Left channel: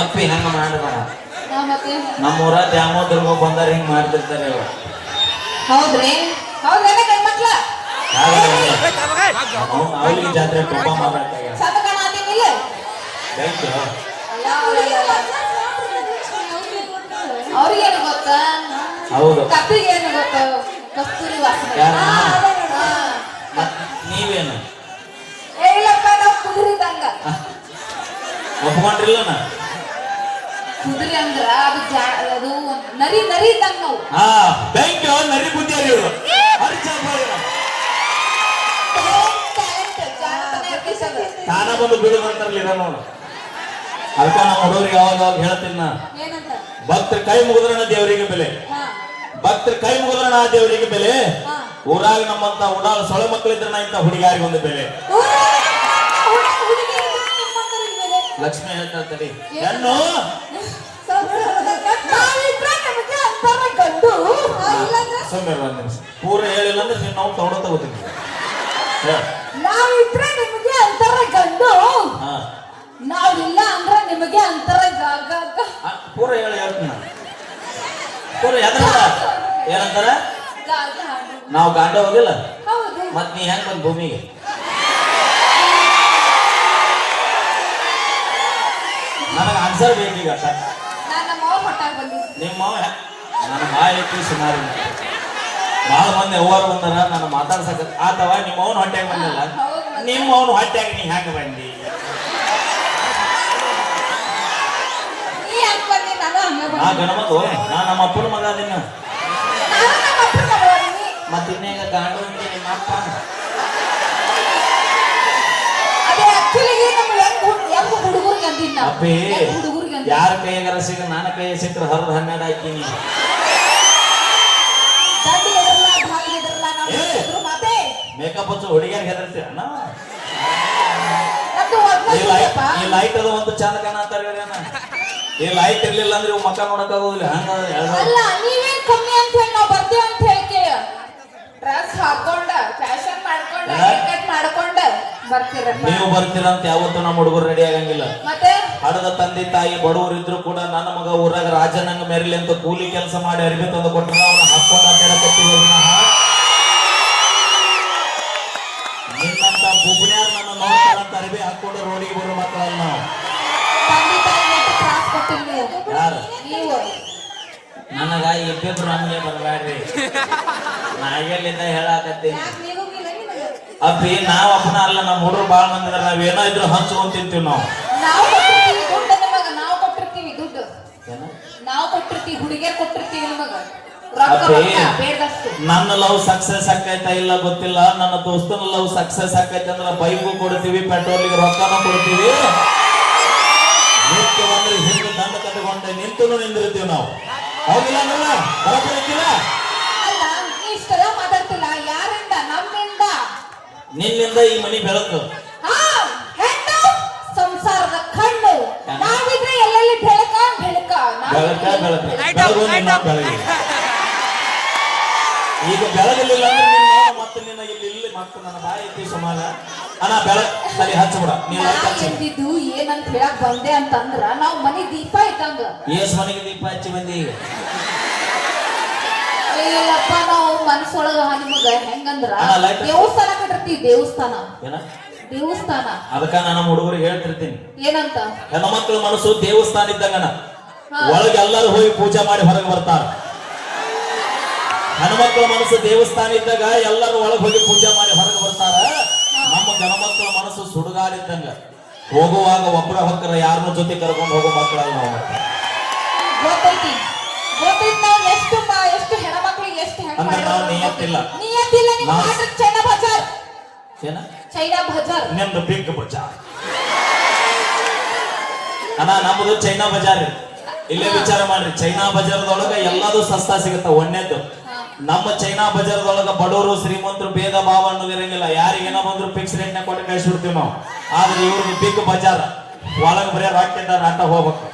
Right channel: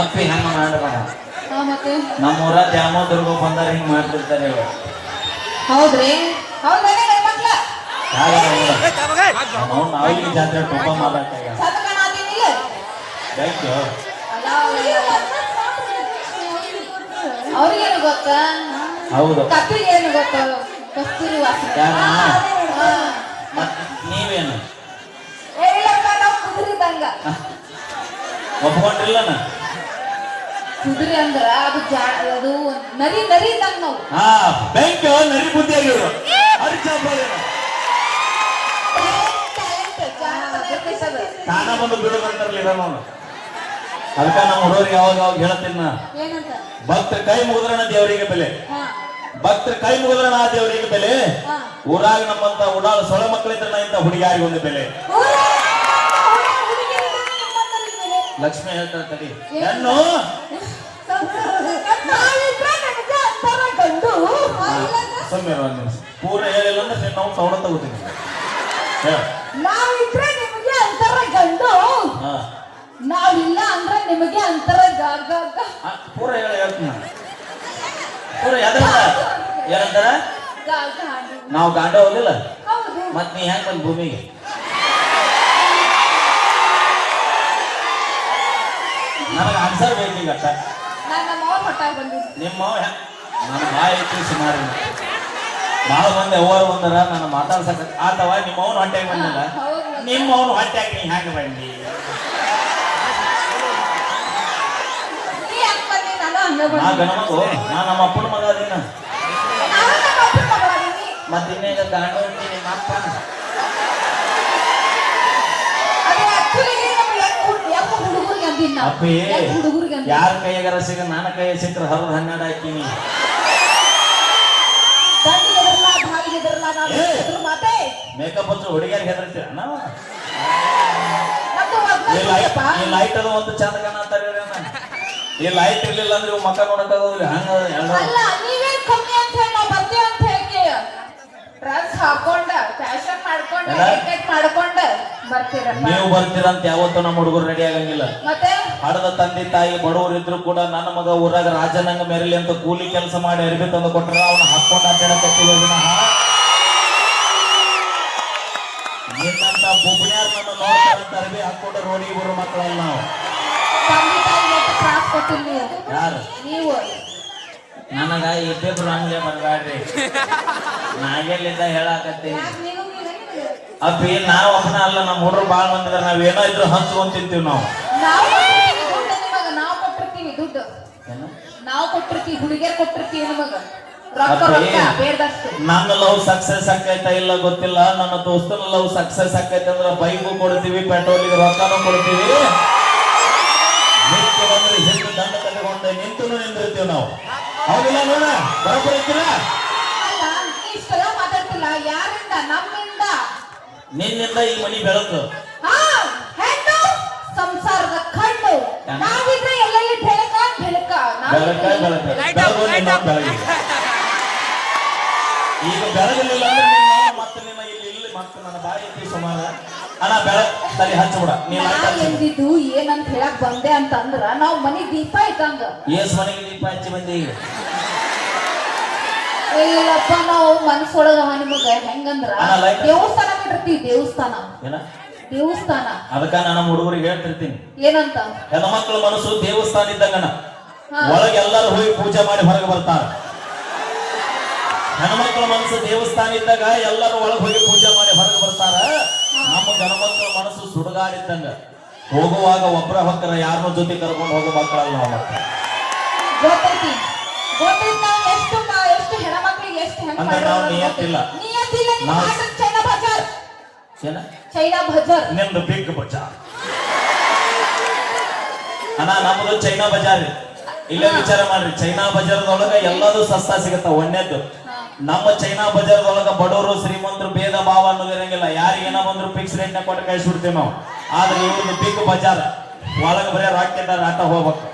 ಅಪ್ಪಿ ಹೆಂಗ್ ಮಾಡಬೇಡ. ನಮ್ಮ ಊರ ದ್ಯಾಮೋದರ್ಗು ಬಂದರೆ ಹಿಂಗ್ ಮಾಡ್ತಿರ್ತಾರೆ. ಹೌದ್ರಿ? ಗಂಡ್ಮಕ್ಳ ಅವ್ರಿಗೆ ಜಾತ್ರೆ ತುಂಬಾ ಮಾಡಕ್ಕೆ ಥ್ಯಾಂಕ್ ಯು. ಗೊತ್ತ? ಹೌದು. ಕಪ್ಪಿಗೆ ಗೊತ್ತಾ? ಕಸ್ತೂರಿ ವಾಸನೆ. ನೀವೇನು? ಏ ಇಲ್ಲಪ್ಪ ನಾವು ಕುದುರಿದಂಗ. ಒಪ್ಕೊಂಡಿಲ್ಲ ನಾ ಕುದುರೆ ಅಂದ್ರ ಅದು ಜಾ ಅದು ನರಿ ನರಿ ಇದ್ದಂಗ ನಾವು. ಹಾ ಥ್ಯಾಂಕ್ ಯು ನರಿ ಬುದ್ಧಿ ಇವರು ಅರ್ಜುನ ಟ್ಯಾಲೆಂಟ್ ಜಾಣತನ ಎಬ್ಬಿಸೋದು. ತಾನ ಬಂದು ಬಿಡು ಮಾಡ್ತಾರಲ್ಲ ನೋಡು ಅದಕ್ಕೆ ನಾವು ಹುಡುಗರಿಗೆ ಯಾವಾಗ ಯಾವಾಗ ಹೇಳ್ತೀನಿ ಏನಂತ? ಭಕ್ತರ ಕೈ ಮುಗಿದ್ರಣ ದೇವರಿಗೆ ಬೆಲೆ. ಭಕ್ತರ ಕೈ ಮುಗಿದ್ರಣ ಆ ದೇವರಿಗೆ ಬೆಲೆ. ಊರಾಗ ನಮ್ಮಂತ ಉಡಾಳ ಸೊಳ ಮಕ್ಕಳಿದ್ರಣ ಇಂತ ಹುಡುಗಿಯಾರಿಗೆ ಒಂದು ಬೆಲೆ ಲಕ್ಷ್ಮಿ ಹೇಳ್ತಾ ತಡಿ. ಹೆಣ್ಣು! ಸೌಮ್ಯ ಒಂದು ನಿಮಿಷ ಪೂರ್ಣ ಹೇಳಿಲ್ಲ ಅಂದ್ರೆ ನೀನು ನಾವು ತಗೊಂಡ ತಗೋತೀನಿ. ನಾವಿಲ್ಲ ಅಂದ್ರ ನಿಮಗೆ ಅಂತರ ಗ- ಗ- ಗ- ಹಾ, ಪೂರ ಹೇಳ ಹೇಳ್ತೀನಿ ಪೂರ ಎದ್ರ ಏನಂತಾರ ನಾವು ಗಾಂಡ ಹೋಗಿಲ್ಲ ಮತ್ ನೀ ಹೆಂಗ್ ಬಂದ್ ಭೂಮಿಗೆ? ಆನ್ಸರ್ ಬೇಕೀಗ ಸರ್ ನಾನು ನಮ್ಮ ನನ್ನ ಐತಿ ಸುಮಾರು ಭಾಳ ಮಂದಿ ಓವರ್ ಬಂದದ ನಾನು ಮಾತಾಡ್ಸಕ ಆತವ ನಿಮ್ಮ ಅವನು ಹೊಟ್ಟೆ ಬಂದಿಲ್ಲ ನಿಮ್ಮ ಅವನು ಹೊಟ್ಟೆ ನೀ ಹೆಂಗ್ ಬಂದಿ? ನೀ ನಮ್ಮ ಅಪ್ಪನ ಮಗ ಅದೀನ. ನಾನು ನಮ್ಮ ಅಪ್ಪನ ಮಗ ಅದೀನಿ. ಮತ್ತೆ ಇನ್ನೇಗ ಗಾಂಡು ಅಂತೀನಿ ನಿಮ್ಮ ಅಪ್ಪ ಅದೇ actually ನೀವು ಹೆಂಗ್ ಹುಡ್- ಹೆಂಗ್ ಅಪ್ಪಿ ಹುಡುಗರಿಗೆ ಯಾರ ಕೈಯಾಗಾರ ಸಿಗ ನನ್ನ ಕೈ ಸಿಕ್ಕರೆ ಹರಿದು ಹನ್ನೆರಡು ಹಾಕ್ತೀನಿ. ಮೇಕಪ್ ಹಚ್ಚು ಹುಡುಗಿಯರಿಗೆ ಹೆದರ್ತೀರ ನಾವು ಈ ಲೈಟ್ ಅದು ಒಂದು ಚಂದ ಕಾಣತ್ತಾರ ಈ ಲೈಟ್ ಇರ್ಲಿಲ್ಲ ಅಂದ್ರೆ ಇವ್ ಮಕ್ಕ ಅಂತ ಹೇಳಿ ನಾವು ಅಂತ ನೀವು ಬರ್ತೀರಂತ ಯಾವತ್ತೂ ನಮ್ಮ ಹುಡುಗರು ರೆಡಿ ಮೆರಲಿ ಅಂತ ಕೂಲಿ ಕೆಲಸ ಮಾಡಿ ಅರಿವೆ ತಂದು ಕೊಟ್ಟರೆ ಅವನು ಹಕ್ಕೊಂಡ ಬುಬ್ಣ್ಯಾರ್ ನಮ್ಮ ಹಾಕೊಂಡು ರೋಡಿಗೆ ಬರೋ ನನಗ ಇಬ್ಬಿಬ್ರು ನಮ್ಗೆ ಬರಬೇಡ್ರಿ ನಾಗೆಲ್ಲಿದ್ದ ಹೇಳಾಕತ್ತೀನಿ? ಅಪ್ಪಿ, ನಾವ್ ಅಪ್ಪನ ಅಲ್ಲ ನಮ್ಮ ಹುಡುಗರು ಬಾಳ ಮಂದಿದ್ರ ನಾವೇನೋ ಇದ್ರು ಹಂಚ್ಕೊಂಡ್ ತಿಂತೀವಿ ನಾವು ನಾವು ಕೊಟ್ಟಿರ್ತೀವಿ ದುಡ್ಡು ನಿಮಗ ನಾವು ಕೊಟ್ಟಿರ್ತೀವಿ ದುಡ್ಡು ಏನ? ನಾವು ಕೊಟ್ಟಿರ್ತೀವಿ ಹುಡುಗಿಯರ್ ಕೊಟ್ಟಿರ್ತೀವಿ ನಿಮಗ? ನನ್ನ ಲವ್ ಸಕ್ಸಸ್ ಆಕೈತಾ ಇಲ್ಲ ಗೊತ್ತಿಲ್ಲ. ನನ್ನ ದೋಸ್ತನ ಲವ್ ಸಕ್ಸಸ್ ಆಕೈತೆ ಅಂದ್ರೆ ಬೈಕು ಕೊಡ್ತೀವಿ ಪೆಟ್ರೋಲಿಗೆ ರೊಕ್ಕನೂ ಕೊಡ್ತೀವಿ. ನಿತ್ಯ ಬಂದ್ರೆ ಹಿಂದೆ ದಂಡ ಕಟ್ಕೊಂಡೆ ನಿಂತು ನಿಂದಿರ್ತೀವಿ ನಾವು. ಹೌದಿಲ್ಲ ನೋಡ ನಿನ್ನಿಂದ ಈ ಮನಿ ಬೆಳಕು. ಬೆಳಕ ಬೆಳಕ. ಈಗ ಬೆಳಗಲಿಲ್ಲ ಅಂದ್ರೆ ಮತ್ತೆ ನಿನ್ನ ಇಲ್ಲಿ ಇಲ್ಲಿ ಮತ್ತೆ ನನ್ನ ಬಾಯಿ ಐತಿ ಸಮಾನ. ಅಣ್ಣ ಬೆಳ ಸರಿ ಹಚ್ಚಬಿಡ ನೀನ್ ನಾ ಲೈಟ್ ಹಚ್ಚು ಎಂದಿದ್ದು ಏನಂತ ಹೇಳಕ್ ಬಂದೆ ಅಂತಂದ್ರ ನಾವ್ ಮನಿ ದೀಪ ಇಟ್ಟಂಗ. ಏಸ್ ಮನೆಗೆ ದೀಪ ಹಚ್ಚಿ ಬಂದಿ. ಈಗ ಅಯ್ಯಪ್ಪ ನಾವು ಮನಸ್ಸೊಳಗ ನಿಮಗ ಹೆಂಗಂದ್ರ ದೇವಸ್ಥಾನ ದೇವಸ್ಥಾನ. ಏನ? ದೇವಸ್ಥಾನ. ಅದಕ್ಕ ನಾನು ಹುಡುಗರಿಗೆ ಹೇಳ್ತಿರ್ತೀನಿ. ಏನಂತ? ಹೆಣ್ಣ ಮಕ್ಕಳ ಮನಸ್ಸು ದೇವಸ್ಥಾನ ಇದ್ದಂಗನ ಹಾ. ಒಳಗೆ ಎಲ್ಲರೂ ಹೋಗಿ ಪೂಜೆ ಮಾಡಿ ಹೊರಗೆ ಬರ್ತಾರ. ಹೆಣ್ಮಕ್ಳ ಮನಸ್ಸು ದೇವಸ್ಥಾನ ಇದ್ದಾಗ ಎಲ್ಲರೂ ಒಳಗೆ ಹೋಗಿ ಪೂಜೆ ಮಾಡಿ ಹೊರಗೆ ಬರ್ತಾರ. ನಮ್ಮ ಗಣಮಕ್ಕಳ ಮನಸ್ಸು ಸುಡುಗಾಡಿದ್ದಂಗ. ಹೋಗುವಾಗ ಒಬ್ಬರ ಹೊಕ್ಕರ ಯಾರನ್ನ ಜೊತೆ ಕರ್ಕೊಂಡು ಹೋಗೋ ಮಕ್ಕಳ ಗೊತ್ತೈತಿ. ಗೊತ್ತೈತಿ ಎಷ್ಟು ಎಷ್ಟು ಹೆಣ್ಮಕ್ಳಿಗೆ ಎಷ್ಟು ನಿಯತ್ತಿಲ್ಲ. ಚೈನಾ ಬಜಾರ್. ಚೈನಾ? ಬಜಾರ್. ನಿಮ್ದು ಬಿಗ್ ಬಜಾರ್. ಅಣ್ಣ ನಮ್ಮದು ಚೈನಾ ಬಜಾರ್. ಇಲ್ಲೇ ವಿಚಾರ ಮಾಡ್ರಿ ಚೈನಾ ಬಜಾರದೊಳಗ ಎಲ್ಲದೂ ಸಸ್ತಾ ಸಿಗುತ್ತ ಒಣ್ಣೆದ್ದು? ನಮ್ಮ ಚೈನಾ ಬಜಾರದೊಳಗ ಬಡವರು ಶ್ರೀಮಂತರು ಭೇದ ಭಾವ ಅನ್ನೋದು ಇರಂಗಿಲ್ಲ ಯಾರಿಗೆ ಬಂದ್ರು ಫಿಕ್ಸ್ ರೇಟ್ನ ಕೊಟ್ಟು ಕಳಿಸ್ಬಿಡ್ತೀವಿ ನಾವು. ಆದ್ರೆ ಇವ್ರದ್ದು ಪೀಕು ಬಜಾರ್. ಒಳಗ ಬರೀ ರಾಕೆಟ್ ಆಟ ಹೋಗ್ಬೇಕು.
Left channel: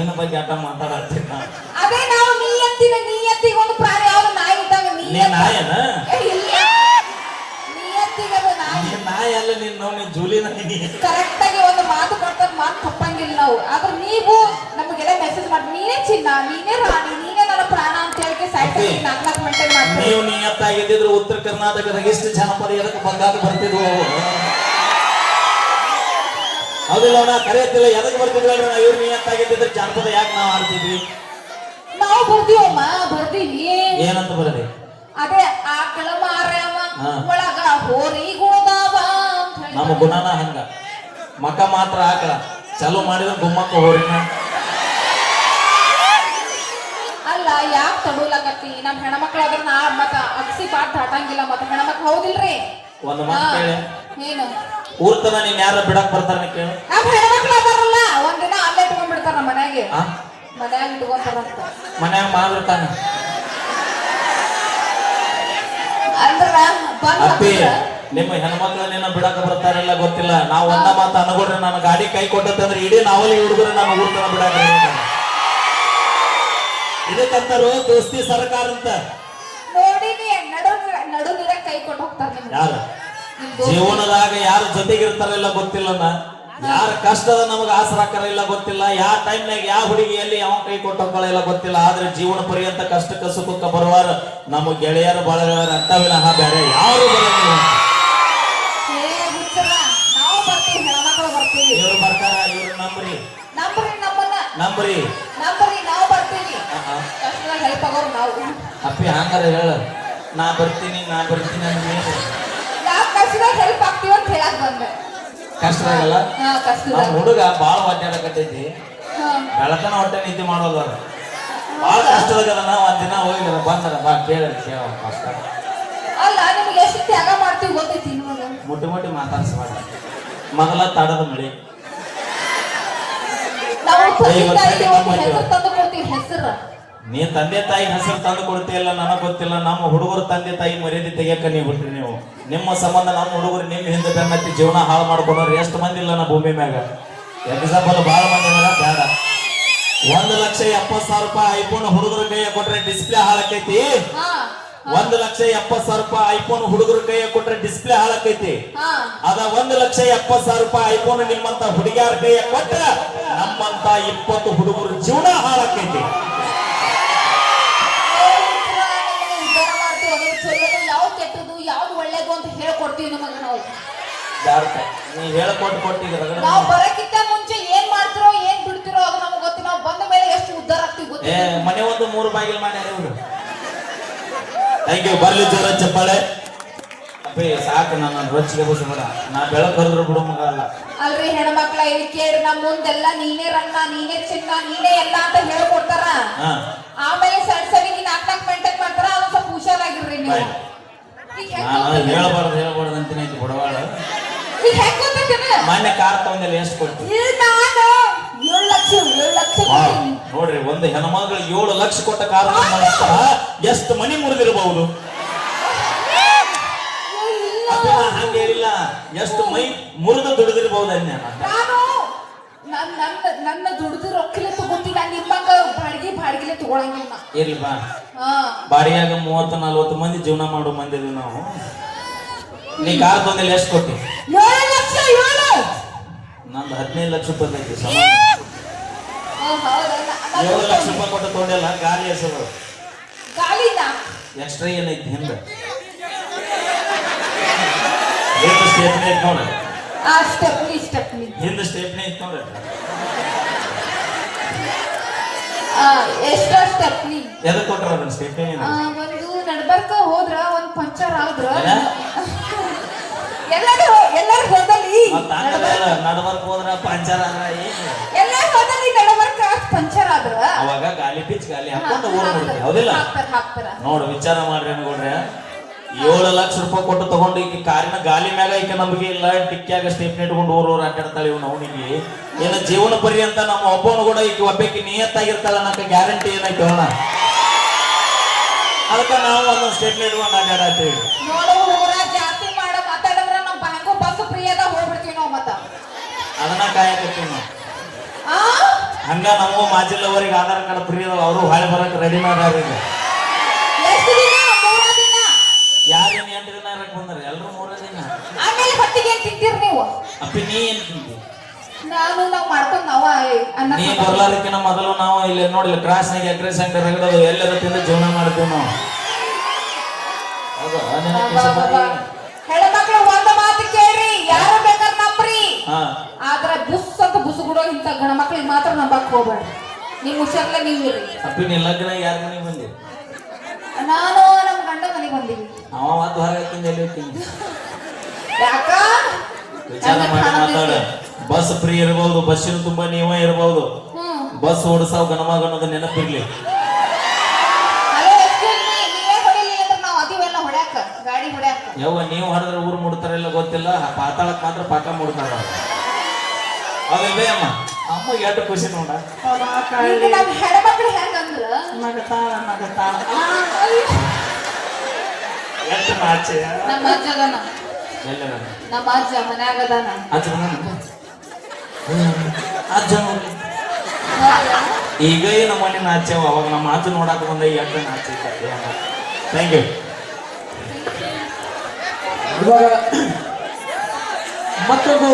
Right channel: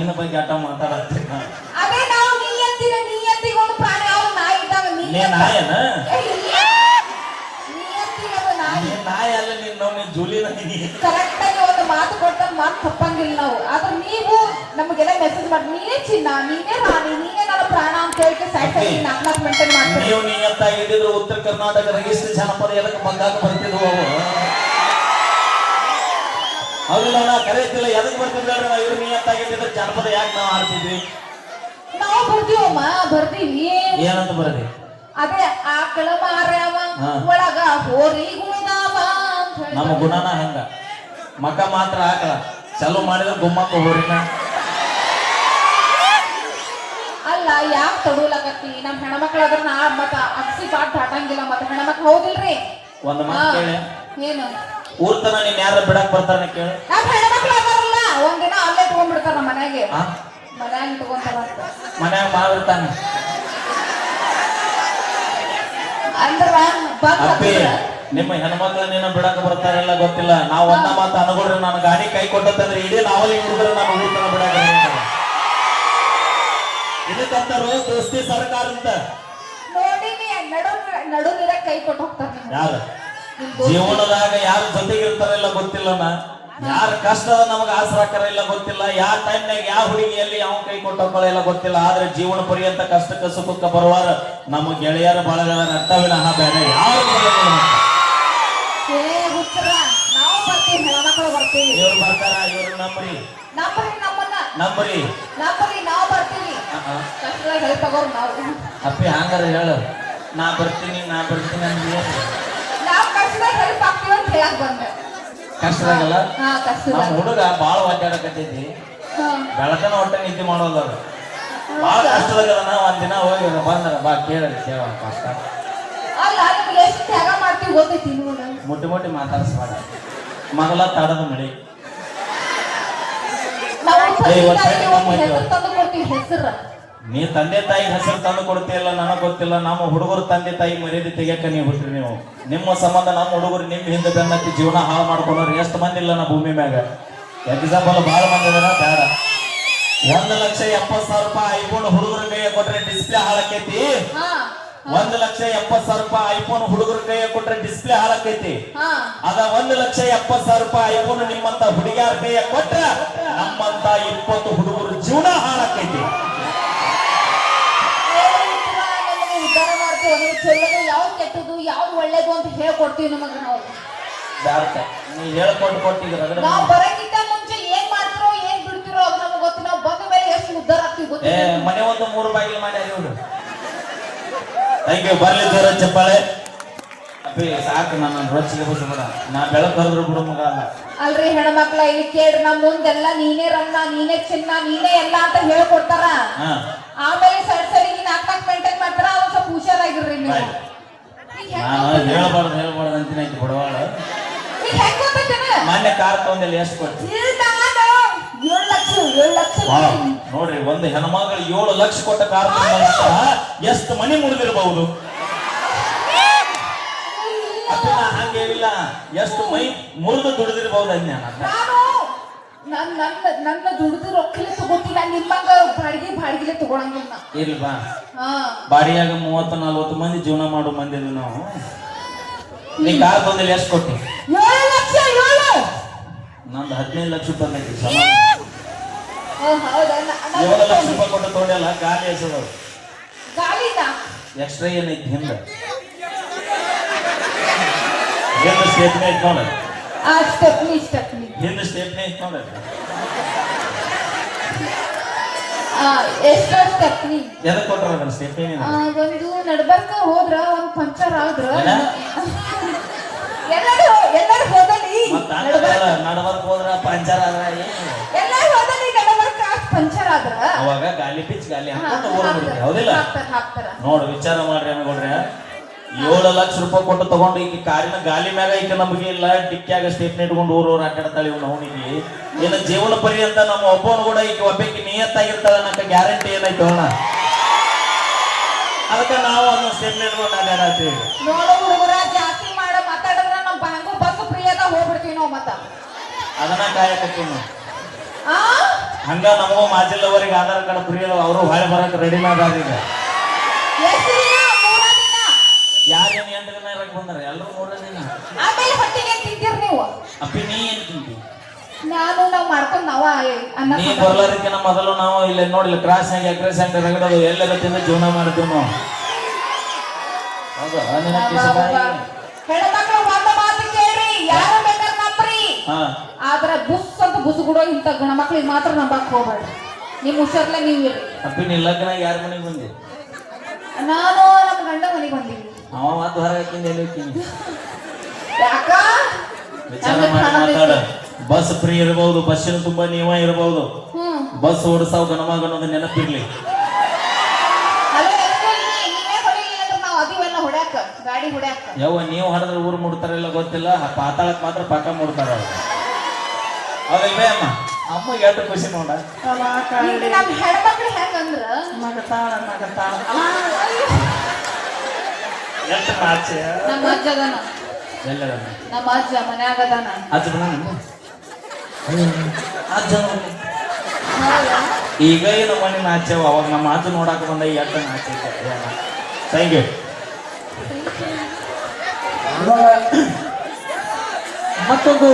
ನಮ್ ಬಗ್ಗೆ ಆಟ ನಂಬ್ರಿಕರ್ ಕರೆಕ್ಟ್ ಆಗಿ ಒಂದು ಮಾತು ಕೊಟ್ಟದ್ ಮಾತು ತಪ್ಪಂಗಿಲ್ಲ ನಾವು. ಆದ್ರೆ ನೀವು ನಮಗೆಲ್ಲ ಮೆಸೇಜ್ ಮಾಡಿ ನೀನೇ ಚಿನ್ನ ನೀನೇ ರಾಣಿ ನೀನೇ ನನ್ನ ಪ್ರಾಣ ಅಂತ ಹೇಳಿ ಸೈಡ್ ಸೈಡ್ ನಾಲ್ಕು ನಾಲ್ಕು ಮೇಂಟೈನ್ ಮಾಡ್ತೀವಿ ನೀವು ನಿಯತ್ತಾಗಿದ್ದಿದ್ರು ಉತ್ತರ ಕರ್ನಾಟಕದ ಎಷ್ಟು ಜನಪದ ಎದಕ್ಕೆ ಬಂದಾಗ ಬರ್ತಿದ್ವು ಅವು ಅದಿಲ್ಲ ನಾ ಕರೆಯತ್ತಿಲ್ಲ ಎದಕ್ ಬರ್ತಿದ್ರು ಅಂದ್ರೆ ನಾವು ಇವ್ರು ನಿಯತ್ತಾಗಿದ್ದಿದ್ರೆ ಜನಪದ ಯಾಕೆ ನಾವು ಆಡ್ತಿದ್ವಿ ನಾವು ಬರ್ತೀವಮ್ಮ ಬರ್ತೀವಿ. ಏನಂತ ಬರ್ರಿ ಅದೇ ಆ ಕೆಳ ಮಾರ್ಯಾವ ಒಳಗ ಹೋರಿ ನಮ್ಮ ಗುಣನ ಹಂಗ? ಮಕ ಮಾತ್ರ ಆಕಳ ಚಲೋ ಮಾಡಿದ್ರೆ ಗುಮ್ಮಕ್ಕ ಹೋರಿನ. ಅಲ್ಲ ತಗೋಲಕತ್ತಿ ತಗೊಳಕತ್ತಿ ನಮ್ ಹೆಣ್ಮಕ್ಳು ಅದ್ರ ನಾ ಮತ್ತ ಅಗಸಿ ಪಾಟ್ ಹಾಕಂಗಿಲ್ಲ ಮತ್ತ ಹೆಣ್ಮಕ್ಳು ಹೋಗಿಲ್ರಿ ಒಂದ್ ಮಾತು ಹಾ. ಕೇಳಿ. ಏನು? ಊರ್ ತನ ನೀನ್ ಯಾರ ಬಿಡಕ್ ಬರ್ತಾನ ಕೇಳು. ನಮ್ ಹೆಣ್ಮಕ್ಳು ಅದಾರಲ್ಲ ಒಂದಿನ ಅಲ್ಲೇ ತಗೊಂಡ್ಬಿಡ್ತಾರ ನಮ್ಮ ಮನೆಗೆ? ಮನ್ಯಾಗ ಇಟ್ಕೊಂತಾರಂತ ಮನ್ಯಾಗ ಮಾಡಿರ್ತಾನ ಅಂದ್ರ ಬಂದ್ ನಿಮ್ಮ ಹೆಣ್ಮಕ್ಳನ್ನ ನಿನ್ನ ಬಿಡಕ್ ಬರ್ತಾರಿಲ್ಲ ಗೊತ್ತಿಲ್ಲ. ನಾವು ಒಂದ ಮಾತ ಅನುಗುಣ್ರಿ ನಾನು ಗಾಡಿ ಕೈ ಕೊಟ್ಟಂದ್ರೆ ಇಡೀ ನಾವಲ್ಲಿ ಹುಡುಗರು ನಮ್ಮ ತನ ಬಿಡಕ್. ಇದಕ್ಕಂತಾರು ದೋಸ್ತಿ ಸರ್ಕಾರ ಅಂತ ಯಾರ. ಜೀವನದಾಗ ಯಾರು ಜೊತೆಗಿರ್ತಾರಿಲ್ಲ ಗೊತ್ತಿಲ್ಲ ಯಾರ ಕಷ್ಟದ ನಮ್ಗೆ ಆಸರಾಕರ ಇಲ್ಲ ಗೊತ್ತಿಲ್ಲ. ಯಾವ ಟೈಮ್ನಾಗ ಯಾವ ಹುಡುಗಿಯಲ್ಲಿ ಯಾವ ಕೈ ಕೊಟ್ಟೋಕೊಳ್ಳಿಲ್ಲ ಗೊತ್ತಿಲ್ಲ. ಆದ್ರೆ ಜೀವನ ಪರ್ಯಂತ ಕಷ್ಟಕ್ಕೆ ಸುಖಕ್ಕೆ ಬರುವಾಗ ನಮ್ಮ ಗೆಳೆಯರು ಬಳಗ ಅರ್ಥವಿಲ್ಲ ವಿನಃ ಬೇರೆ. ಯಾರು ಬರ್ತೀವಿ. ಇವ್ರು ಬರ್ತಾರ ಇವ್ರು ನಂಬ್ರಿ. ನಂಬ್ರಿ ನಮ್ಮನ್ನ. ನಂಬ್ರಿ. ನಂಬ್ರಿ ನಾವು ಬರ್ತೀವಿ. ಆಹಾ. ಕಷ್ಟದಾಗ ಹೆಲ್ಪ್ ಆಗೋರು ನಾವು. ಅಪ್ಪಿ ಹಂಗಾರ ಹೇಳು. ನಾ ಬರ್ತೀನಿ ನಾ ಬರ್ತೀನಿ ಅಂದ್ವಿ. ನಾವು ಕಷ್ಟದಾಗ ಹೆಲ್ಪ್ ಆಗ್ತೀವಿ ಅಂತ ಹೇಳಕ್ ಬಂದೆ. ಕಷ್ಟ ಆಗಲ್ಲ ಹಾ ಕಷ್ಟದಾಗ. ನಮ್ಮ ಹುಡುಗ ಬಾಳ ಒದ್ದಾಡಕತ್ತೈತಿ ಕಟ್ಟೈತಿ. ಬೆಳತನ ಹೊಟ್ಟೆ ನಿದ್ದೆ ಮಾಡೋಲ್ಲ ಅವ್ರು. ಬಾಳ ಕಷ್ಟದಾಗ ನಾ ಒಂದಿನ ಹೋಗಿ ಬಂದ್ರ ಬಾ ಕೇಳಿ ಕೇಳ ಕಷ್ಟ. ಅಲ್ಲ ನಿಮ್ಗೆ ಎಷ್ಟು ತ್ಯಾಗ ಮಾಡ್ತೀವಿ ಗೊತ್ತೈತಿ ನಿಮಗೆ ಮುಟ್ಟಿ ಮುಟ್ಟಿ ಮಾತಾಡ್ಸ್ಬೇಡ ಮಗಲ ತಡದ ಮಳೆ. ನೀ ತಂದೆ ತಾಯಿ ಹೆಸರು ತಂದು ಕೊಡ್ತೀಯಲ್ಲ ನನಗೆ ಗೊತ್ತಿಲ್ಲ ನಮ್ಮ ಹುಡುಗರು ತಂದೆ ತಾಯಿ ಮರ್ಯಾದೆ ತೆಗಿಯಕ್ಕ ನೀವು ಬಿಟ್ರಿ ನೀವು. ನಿಮ್ಮ ಸಂಬಂಧ ನಮ್ಮ ಹುಡುಗರು ನಿಮ್ಮ ಹಿಂದೆ ಬೆನ್ನತ್ತಿ ಜೀವನ ಹಾಳು ಮಾಡ್ಕೊಂಡ್ರೆ ಎಷ್ಟು ಮಂದಿ ಇಲ್ಲ ನಾ ಭೂಮಿ ಮ್ಯಾಗ. ಎಕ್ಸಾಂಪಲ್ ಬಹಳ ಮಂದಿ ಬೇಡ. ಒಂದು ಲಕ್ಷ ಎಪ್ಪತ್ತು ಸಾವಿರ ರೂಪಾಯಿ ಐಫೋನ್ ಹುಡುಗರ ಕೈಯ ಕೊಟ್ರೆ ಡಿಸ್ಪ್ಲೇ ಹಾಳಾಕೈತಿ. ಒಂದು ಲಕ್ಷ ಎಪ್ಪತ್ ಸಾವಿರ ರೂಪಾಯಿ ಐಫೋನ್ ಹುಡುಗರ ಕೈಯ ಕೊಟ್ರೆ ಡಿಸ್ಪ್ಲೇ ಹಾಳಾಕೈತಿ. ಅದ ಒಂದು ಲಕ್ಷ ಎಪ್ಪತ್ ಸಾವಿರ ರೂಪಾಯಿ ಐಫೋನ್ ನಿಮ್ಮಂತ ಹುಡುಗಿಯರ ಕೈಯ ಕೊಟ್ಟ ನಮ್ಮಂತ ಇಪ್ಪತ್ತು ಹುಡುಗರು ಜೀವನ ಹಾಳಾಕೈತಿ. ನೀ ಹೇಳ್ಕೊಟ್ಟು ಕೊಟ್ಟು ಈಗ ರಗಡ ನಾವು ಬರಕ್ಕಿಂತ ಮುಂಚೆ ಏನ್ ಮಾಡ್ತಿರೋ ಏನ್ ಬಿಡ್ತಿರೋ ಅದು ನಮಗೆ ಗೊತ್ತು. ನಾವು ಬಂದ ಮೇಲೆ ಎಷ್ಟು ಉದ್ಧಾರ ಆಗ್ತೀವಿ ಏ ಮನೆ ಒಂದು ಮೂರು ಬಾಗಿಲು ಮಾಡಿ ಥ್ಯಾಂಕ್ ಯು ಬರ್ಲಿ ಜೋರ ಚಪ್ಪಾಳೆ. ಅಪ್ಪಿ ಸಾಕು ನನ್ನ ರೊಚ್ಚಿಗೆ ಬಸ್ಸಂದ್ರ ನಾ ಬೆಳಕು ಹರಿದ್ರು ಬಿಡು ಮಗ ಅಲ್ಲ. ಅಲ್ರಿ ಹೆಣ್ಮಕ್ಳ ಇಲ್ಲಿ ಕೇಳಿ ನಮ್ಮ ಮುಂದೆಲ್ಲ ನೀನೇ ರನ್ನ ನೀನೇ ಚಿನ್ನ ನೀನೇ ಎಲ್ಲ ಅಂತ ಹೇಳ್ಕೊಡ್ತಾರ. ಹಾ. ಆಮೇಲೆ ಸಡ್ ಸಡಿಗೆ ನಾಲ್ಕು ನಾಲ್ಕು ಮೇಂಟೈನ್ ಮಾಡ್ತಾರ ಅವಾಗ ಸ್ವಲ್ಪ ಹುಷಾರಾಗಿರ್ರಿ ನೀವು. Right. ಈಗ ಹೆಂಗ್ ನಾನು ಹೇಳ್ಬಾರ್ದು ಹೇಳ್ಬಾರ್ದು ಅಂತೀನಿ ಆಯ್ತು ಬಡವಾಳ. ಈಗ ಹೆಂಗ್ ಗೊತ್ತೈತೇನ? ಮಾನ್ಯ ಕಾರ್ ತಗೊಂಡಿಲ್ಲ ಎಷ್ಟು ಕೊಡ್ತೀನಿ ನಾನು? ಏಳು ಲಕ್ಷ ಏಳು ಲಕ್ಷ. ನೋಡ್ರಿ ಒಂದು ಹೆಣ್ಮಗಳು ಏಳು ಲಕ್ಷ ಕೊಟ್ಟ ಕಾರ್ ಎಷ್ಟು ಮನೆ ಮುರಿದಿರಬಹುದು? ಹಂಗೇನಿಲ್ಲ ಎಷ್ಟು ಮೈ ಮುರಿದು ದುಡಿದಿರಬಹುದು ಅನ್ಯ ನಾನು ನನ್ ನನ್ನ ನನ್ನ ದುಡ್ದು ರೊಕ್ಕಲೆ ತಗೋತೀನಿ ನಾನು ನಿಮ್ಮಂಗ ಬಾಡಿಗೆ ಬಾಡಿಗೆಲೆ ತಗೊಳಂಗಿಲ್ಲ. ಹಾ. ಬಾಡಿಯಾಗ ಮೂವತ್ತು ನಲ್ವತ್ತು ಮಂದಿ ಜೀವನ ಮಾಡೋ ಮಂದಿ ನಾವು. ನೀ ಕಾರ್ ಬಂದಲ್ಲಿ ಎಷ್ಟು ಕೊಟ್ಟಿ? ನಂದು ಹದಿನೈದು ಲಕ್ಷ ರೂಪಾಯಿ ಏಳು ಲಕ್ಷ ರೂಪಾಯಿ ಕೊಟ್ಟು ತೊಗೊಂಡಿಲ್ಲ ಗಾಡಿ ಹೆಸರು. ಗಾಳಿನ? ಎಕ್ಸ್ಟ್ರಾ ಏನೈತಿ ಹಿಂದೆ. ಏನು ಸ್ಟೇಪ್ನೇ ಐತಿ ನೋಡ. ಆ ಸ್ಟೆಪ್ನಿ ಸ್ಟೆಪ್ನಿ ಹಿಂದೆ ಸ್ಟೇಪ್ನೇ ಐತಿ ನೋಡ. ಆ, ಎಷ್ಟೋ ಸ್ಟೆಪ್ನಿ ಎದಕ್ಕೆ ಕೊಟ್ಟಲ್ಲ ಅದನ್ನ ಸ್ಟೇಪ್ನೇ ಆ, ಒಂದು ನಡ್ಬರ್ಕ ಹೋದ್ರ ಒಂದ್ ಪಂಚರ್ ಆದ್ರ? ಎಲ್ಲರೂ ಎಲ್ಲರೂ ಹೋದಲ್ಲಿ. ಮತ್ತೆ ನಡ್ಬರ್ಕ ಹೋದ್ರ ಪಂಚರ್ ಆದ್ರ ಹಾ, ಹಾಕೊಂಡು ಓಡ್ಬಿಡ್ರಿ ಹಾಕ್ತಾರ, ಹೌದಿಲ್ಲ? ನೋಡು ವಿಚಾರ ಮಾಡ್ರಿ ಅನ್ಕೊಂಡ್ರೆ ಏಳು ಲಕ್ಷ ರೂಪಾಯಿ ಕೊಟ್ಟು ತಗೊಂಡು ಈಗ ಕಾರಿನ ಗಾಲಿ ಮ್ಯಾಗ ಈಗ ನಮಗೆ ಇಲ್ಲ ಟಿಕ್ಕ್ಯಾಗ ಸ್ಟೇಪ್ನ ಇಟ್ಕೊಂಡು ಊರು ಅಡ್ಡಾಡ್ತಾಳೆ ಇವ್ ಹೋಗಿದ್ವಿ ಏನ ಜೀವನ ಪರ್ಯಂತ ನಮ್ಮ ಒಬ್ಬನು ಕೂಡ ಈಗ ಒಬ್ಬಕ್ಕೆ ನಿಯತ್ತಾಗಿರ್ತಾಳ ನಮ್ಮ ಗ್ಯಾರಂಟಿ ಏನೈತಿ ಅವನ ಅದಕ್ಕ ನಾವು ಒಂದು ಸ್ಟೇಪ್ನ ಇಟ್ಕೊಂಡು ಆಟಾಡ್ತೀವಿ ಅದನ್ನ ಕಾಯಕತ್ತೀನಿ. ಆ? ಹಂಗ ನಮ್ಮ ಮಾಜಿಲ್ಲವರಿಗೆ ಆಧಾರ್ ಕಾರ್ಡ್ ಫ್ರೀ ಅದಾವ ಅವರು ಹೊಳೆ ಬರಕ್ ರೆಡಿ ಮಾಡ್ಯಾರ ಈಗ. ದಿನ ದಿನ ಯಾರೇನ್ ಎಂಟು ಬಂದಾರ? ಎಲ್ಲರೂ ಮೂರ ದಿನ ಆಮೇಲೆ ಹೊತ್ತಿಗೆ ಏನ್ ತಿಂತೀರಿ ನೀವು. ಅಪ್ಪಿ ನೀ ಏನ್ ತಿಂತಿ? ನಾನು ನಾವ್ ಮಾಡ್ಕೊಂಡ್ ನಾವ ಅನ್ನ ನೀ ಬರೋದಕ್ಕಿಂತ ಮೊದಲು ನಾವು ಇಲ್ಲಿ ನೋಡಿಲ್ಲ ಕ್ರಾಸ್ ನಾಗ ಎಗ್ರೆಸ್ ಸೆಂಟರ್ ರಗಡೋದು ಎಲ್ಲರೂ ತಿಂದು ಜೀವನ ಮಾಡ್ತೀವಿ ನಾವು. ಹೌದಾ? ಹೆಣ್ಮಕ್ಳು ಒಂದ ಮಾತು ಕೇಳ್ರಿ ಯಾರು ಬೇಕಾದ್ರೆ ನಂಬ್ರಿ ಹಾ ಆದ್ರೆ ಬುಸ್ ಇಂಥ ಗಣ ಮಕ್ಳಿಗೆ ಮಾತ್ರ ನಂಬಕ್ ಹೋಗ್ಬೇಡ. ನೀವು ಹುಷಾರ್ಲೆ ನೀವು ಇರಿ ಅಪ್ಪಿ ನೀ ಲಗ್ನ ಯಾರ ಮನೆಗೆ ಬಂದಿ? ನಾನು ನಮ್ಮ ಗಂಡ ಮನೆಗೆ ಬಂದೀವಿ ಅವ ಮಾತು ಹೊರ ಹಾಕಿಂದ ತಿಂದಿ ಯಾಕ? ವಿಚಾರ ಮಾಡಿ ಮಾತಾಡ? ಬಸ್ ಫ್ರೀ ಇರ್ಬೋದು ಬಸ್ಸಿನ ತುಂಬಾ ನಿಯಮ ಇರಬಹುದು ಬಸ್ ಓಡಿಸೋ ಗಣಮಗ ಅನ್ನೋದು ನೆನಪಿರ್ಲಿ. ಹಲೋ excuse me, ನೀವೇ ಹೊಡಿಲಿಲ್ಲ ಅಂದ್ರೆ ನಾವ್ ಗಾಡಿ ಹೊಡ್ಯಾಕ. ಯಾವ ನೀವು ಹೊಡೆದ್ರೆ ಊರು ಮುಡ್ತಾರಿಲ್ಲ ಗೊತ್ತಿಲ್ಲ ಪಾತಾಳಕ್ ಮಾತ್ರ ಪಾಕ ಮುಡ್ತಾರ ಅಮ್ಮ ಖುಷಿ ನೋಡ ಈಗ ನಮ್ ಹೆಣ್ಮಕ್ಳು ಹೆಂಗಂದ್ರ? ಎಷ್ಟು ನಾಚೆ ನಮ್ಮ ಅಜ್ಜ ಅದಾನ. ಎಲ್ಲ ನಮ್ಮ ಅಜ್ಜ ಮನ್ಯಾಗ ಅದಾನ. ಅಜ್ಜ ಅಜ್ಜ. ಈಗ ಏನು ಮನೆ ನಾಚೇವ ಅವಾಗ ನಮ್ಮ ಮಾತು ನೋಡಕ್ ಬಂದ ಎಷ್ಟು ನಾಚೆ ಥ್ಯಾಂಕ್ ಯು ಮತ್ತೊಂದು